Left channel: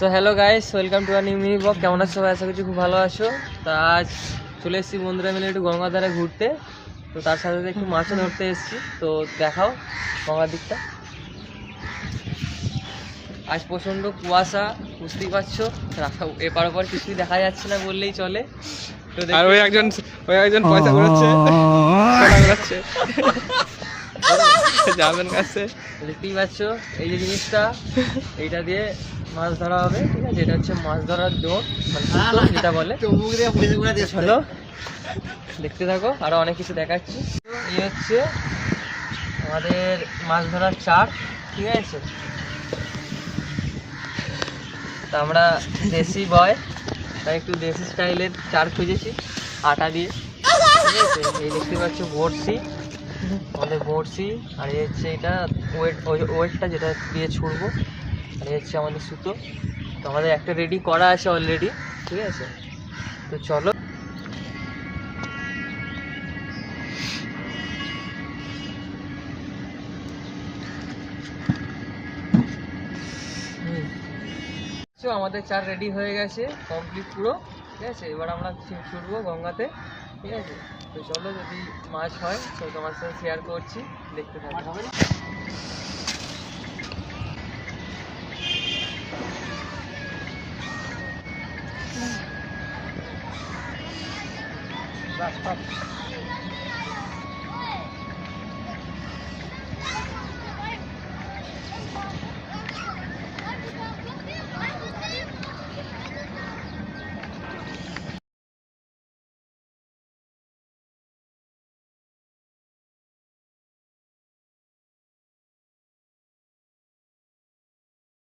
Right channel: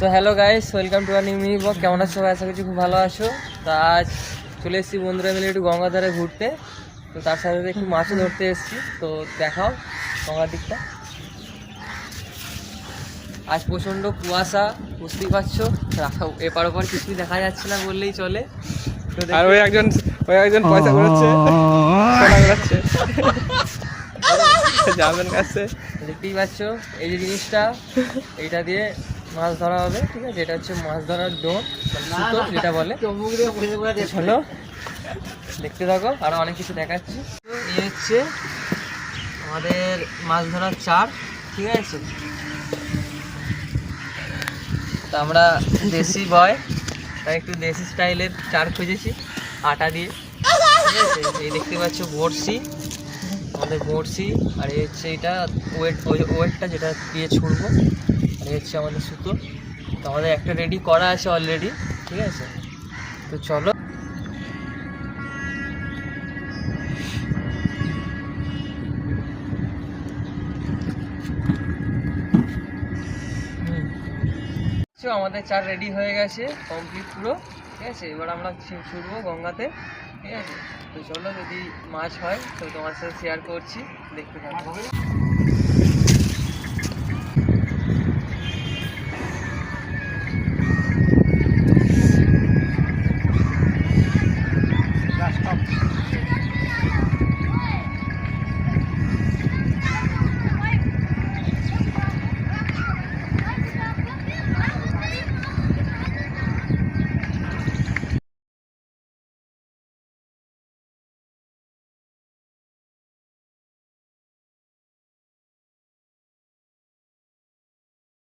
So hello guys, welcome to a new mini blog. কেমন আছো সবাই? আশা করছি খুব ভালো আছো। তা আজ চলে এসেছি বন্ধুরা মিলে একটু গঙ্গার ধারে ঘুরতে। তো তার সাথে সাথে একটু মাছও ধরতে এসেছি। তো দেখাও গঙ্গার দিকটা। আজ প্রচণ্ড কুয়াশা, বুঝতেই পারছো। এপার ওপার কিছুই দেখা যাচ্ছে না বললেই চলে। তো আর ওই একজন পয়সা ঘুরাচ্ছে, সোনা ঘুরাচ্ছে যাবেন কাছে। দেখতেই পাচ্ছ এই যে জিনিসটা, এইটা দিয়ে মাছ ধরা হবে, ঠিক আছে? এটা হচ্ছে মাছ ধরার ডোর, মানে সুতো যেটা বলে। হ্যালো, দেখতে থাকো, আরো অনেক কিছু দেখাচ্ছি। তো এই হচ্ছে আমাদের মাছ ধরার চার, ঠিক আছে? তো আমরা দেশি বয়, তাই একটু দেশি স্টাইলের চার খুঁজেছি আটা দিয়ে, ঠিক আছে? এই দেখতে পাচ্ছ বড়শি, আমাদের বড়শি। আর এই হচ্ছে এটা ওয়েটটা যেটা দিয়ে ছুড়বো। আর এই হচ্ছে আমাদের সুতো। তো আমাদের একটা রেডি করা আছে অলরেডি, ঠিক আছে? তো চলো। আমাদের চার রেডি হয়ে গেছে, কমপ্লিট পুরো, ঠিক আছে? এবার আমরা ছুটবো গঙ্গাতে, ঠিক আছে? তো চলো, যদি মাছ হয় তো তোমার সাথে শেয়ার করছি, দেখতে থাকো।